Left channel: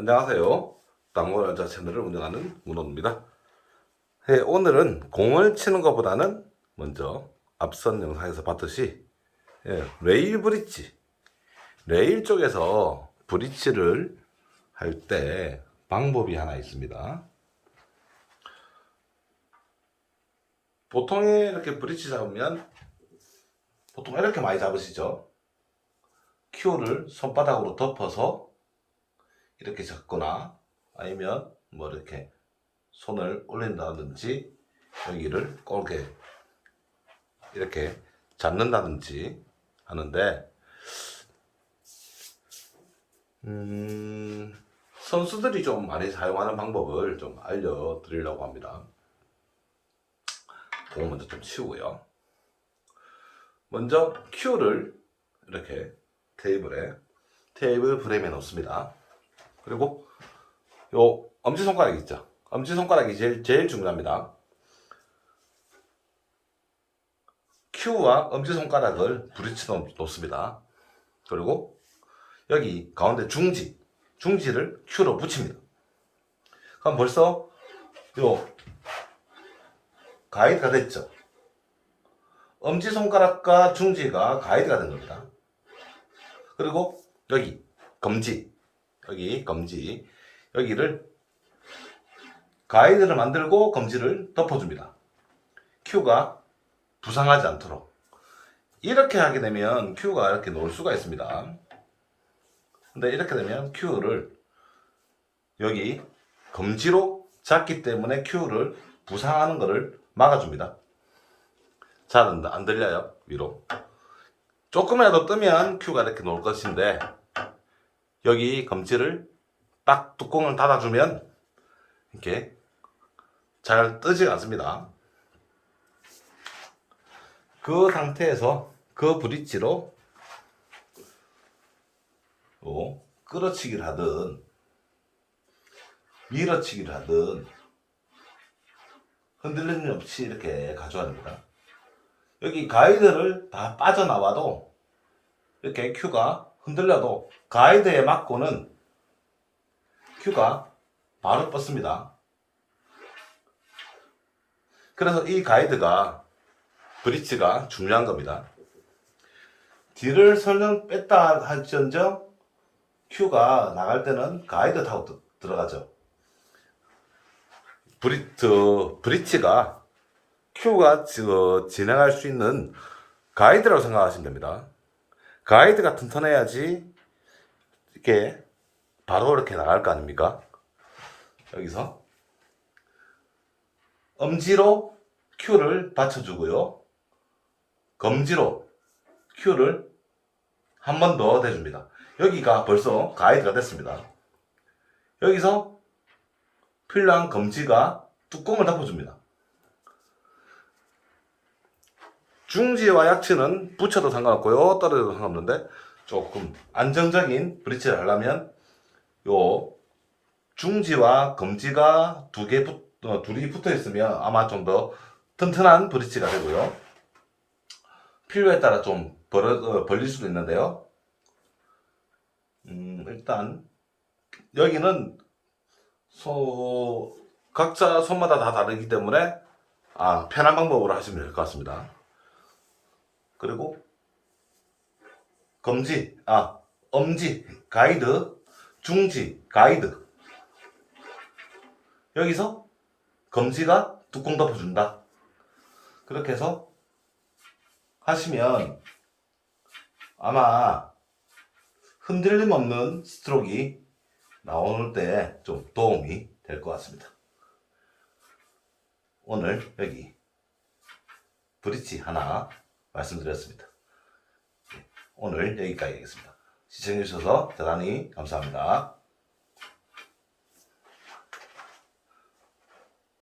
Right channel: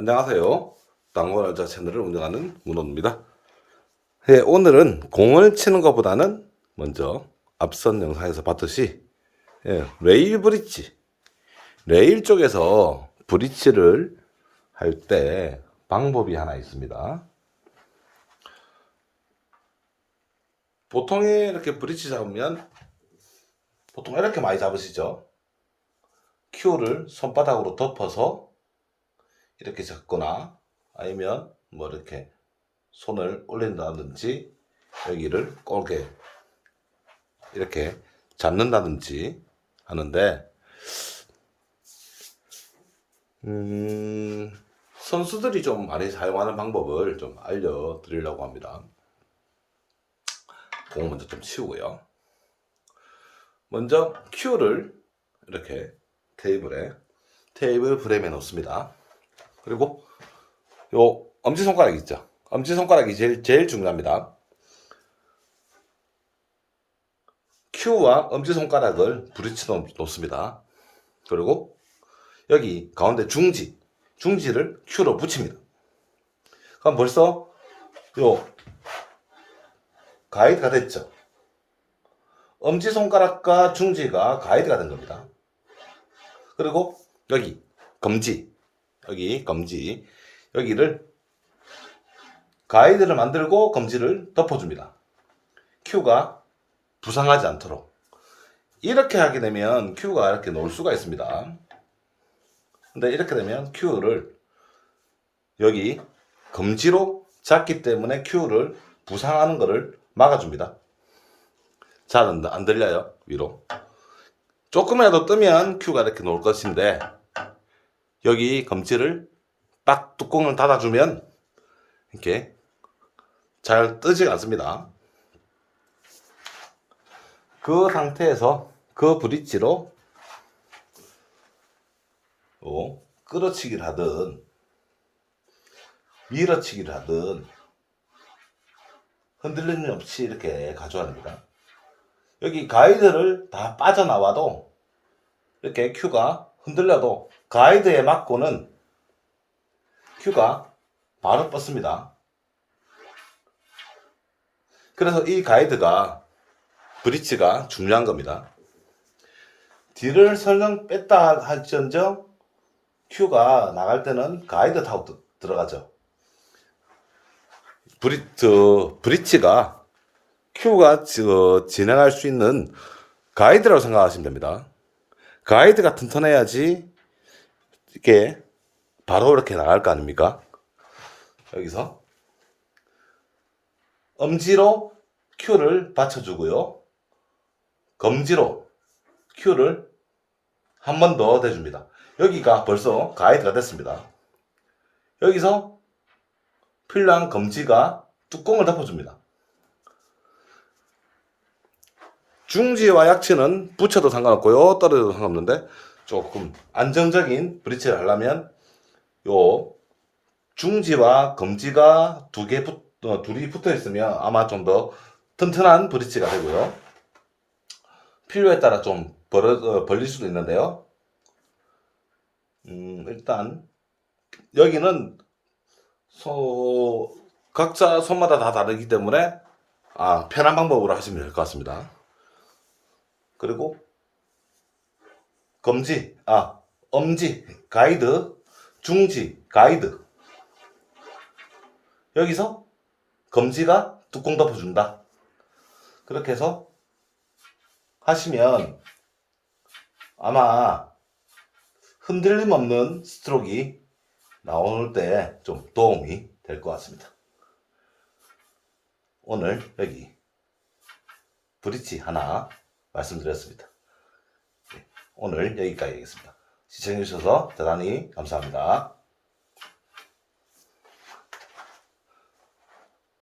안녕하세요. 당구날자 채널을 운영하는 문호입니다. 예, 오늘은 공을 치는 것보다는 먼저 앞선 영상에서 봤듯이 예, 레일 브릿지, 레일 쪽에서 브릿지를 할 때 방법이 하나 있습니다. 보통에 이렇게 브릿지 잡으면 보통 이렇게 많이 잡으시죠? 큐를 손바닥으로 덮어서 이렇게 잡거나 아니면 뭐 이렇게 손을 올린다든지 여기를 꼴게 이렇게 잡는다든지 하는데 음, 선수들이 좀 많이 사용하는 방법을 좀 알려드리려고 합니다. 공 먼저 좀 치우고요. 먼저 큐를 이렇게 테이블에 테이블 프레임에 놓습니다. 그리고 요 엄지 손가락 있죠. 엄지 손가락이 제일 제일 중요합니다. Q와 엄지 손가락을 브릿지 놓- 놓습니다. 그리고 여기 가운데 중지 중지를 Q로 붙입니다. 그럼 벌써 요 가이드가 됐죠. 엄지 손가락과 중지가 가이드가 된 겁니다. 그리고 여기 검지 여기 검지 여기를 가이드를 만들고 검지를 덮어줍니다. Q가 부상하지 않도록 이렇게 하게 되면 Q가 이렇게 놓을 수가 있습니다. 근데 이렇게 되면 Q를 여기 검지로 잡기 때문에 Q를 부상하는 것을 막아줍니다. 잘 안 들려요 위로 조금이라도 뜨면 Q가 이렇게 놓을 것인데 여기 검지를 딱 뚜껑을 닫아주면 이렇게 잘 뜨지 않습니다. 그 상태에서 그 브릿지로 요 끌어치기를 하든 밀어치기를 하든 흔들림 없이 이렇게 가져야 합니다. 여기 가이드를 다 빠져나와도 이렇게 큐가 흔들려도 가이드에 맞고는 큐가 바로 뻗습니다. 그래서 이 가이드가 브릿지가 중요한 겁니다. 뒤를 설령 뺐다 할지언정 큐가 나갈 때는 가이드 타고 드- 들어가죠. 브릿, 저, 브릿지가 큐가 저, 진행할 수 있는 가이드라고 생각하시면 됩니다. 가이드가 튼튼해야지 이렇게 바로 이렇게 나갈 거 아닙니까? 여기서 엄지로 큐를 받쳐주고요. 검지로 큐를 한 번 더 대줍니다. 여기가 벌써 가이드가 됐습니다. 여기서 필요한 검지가 뚜껑을 덮어줍니다. 중지와 약치는 붙여도 상관없고요. 떨어져도 상관없는데 조금 안정적인 브릿지를 하려면 요 중지와 검지가 두 개 붙, 어, 둘이 붙어 있으면 아마 좀 더 튼튼한 브릿지가 되고요. 필요에 따라 좀 벌어, 어, 벌릴 수도 있는데요. 음, 일단 여기는 소 각자 손마다 다 다르기 때문에 아, 편한 방법으로 하시면 될 것 같습니다. 그리고 검지, 아, 엄지, 가이드, 중지, 가이드. 여기서 검지가 뚜껑 덮어준다. 그렇게 해서 하시면 아마 흔들림 없는 스트로크가 나오는 때 좀 도움이 될 것 같습니다. 오늘 여기 브릿지 하나 말씀드렸습니다. 네, 오늘 여기까지 하겠습니다. 시청해주셔서 대단히 감사합니다.